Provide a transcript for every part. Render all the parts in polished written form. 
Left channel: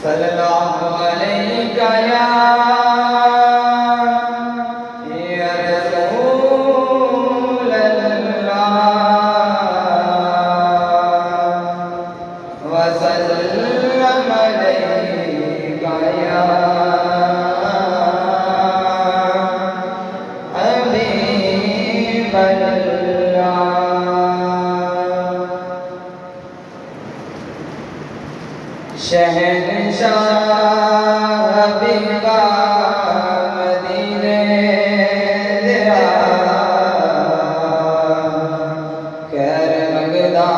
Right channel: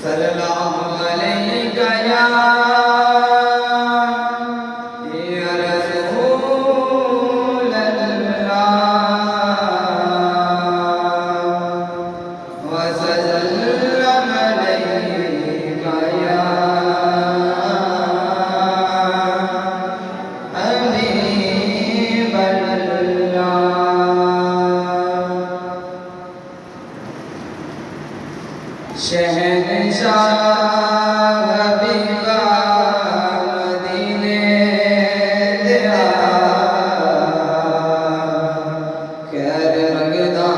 सल्लल्लाहु अलैका या रसूल अल्लाह व सल्लम अलैका या हबीब अल्लाह। शहंशाह हबीबा मदीने दिया खैर मंगदा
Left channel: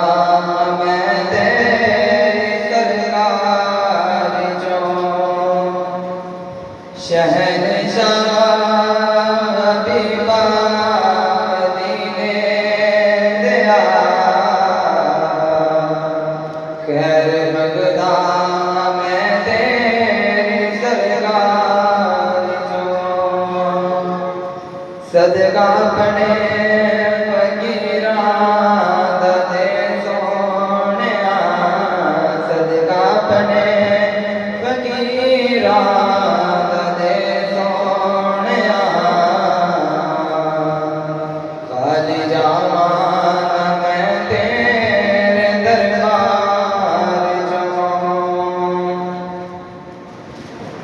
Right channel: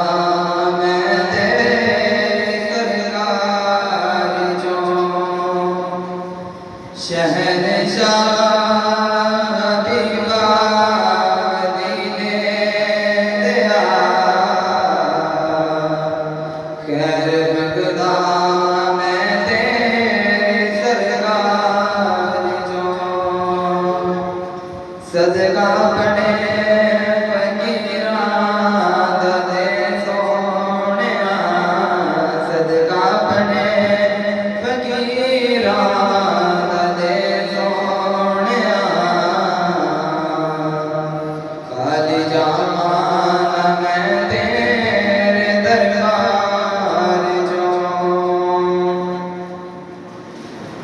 मैं तेरे सरकार जो। शहंशाह हबीबा मदीने दिया खैर मंगदा सदका पड़े फकीरां दे सोहणिया। सदका पड़े फकीरां दे सोहणिया। खाली जावां मैं तेरे दरबार चो।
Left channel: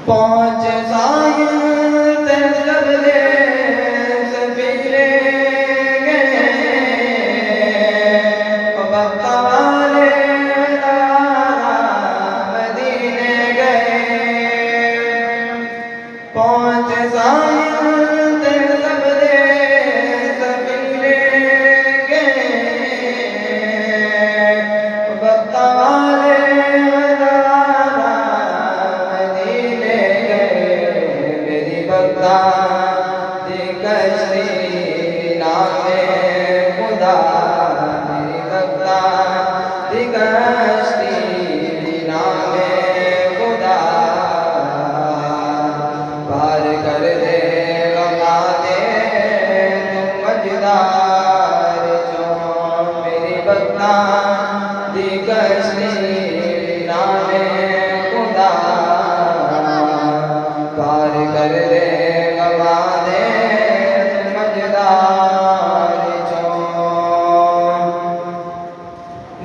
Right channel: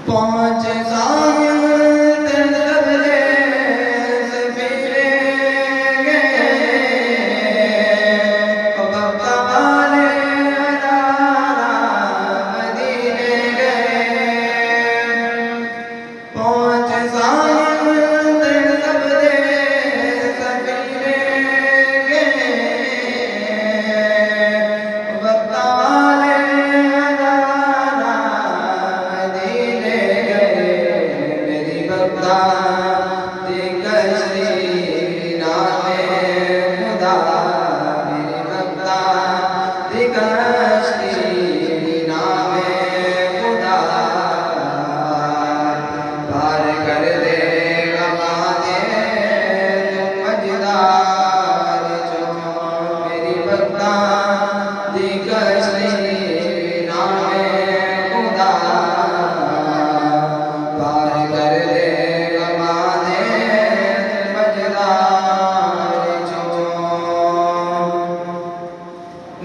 पहुंच साहिल ते सबले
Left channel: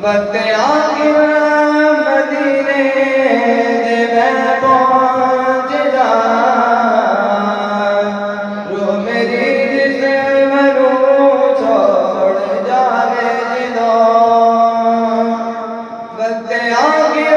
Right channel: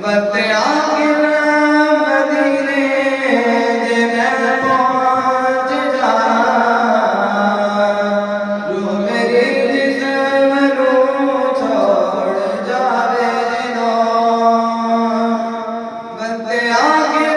वक्त आके मदीने दे मैं पहुंच जा। रूह मेरी जिस्म रूह छोड़ जावे जिदों। वक्त आके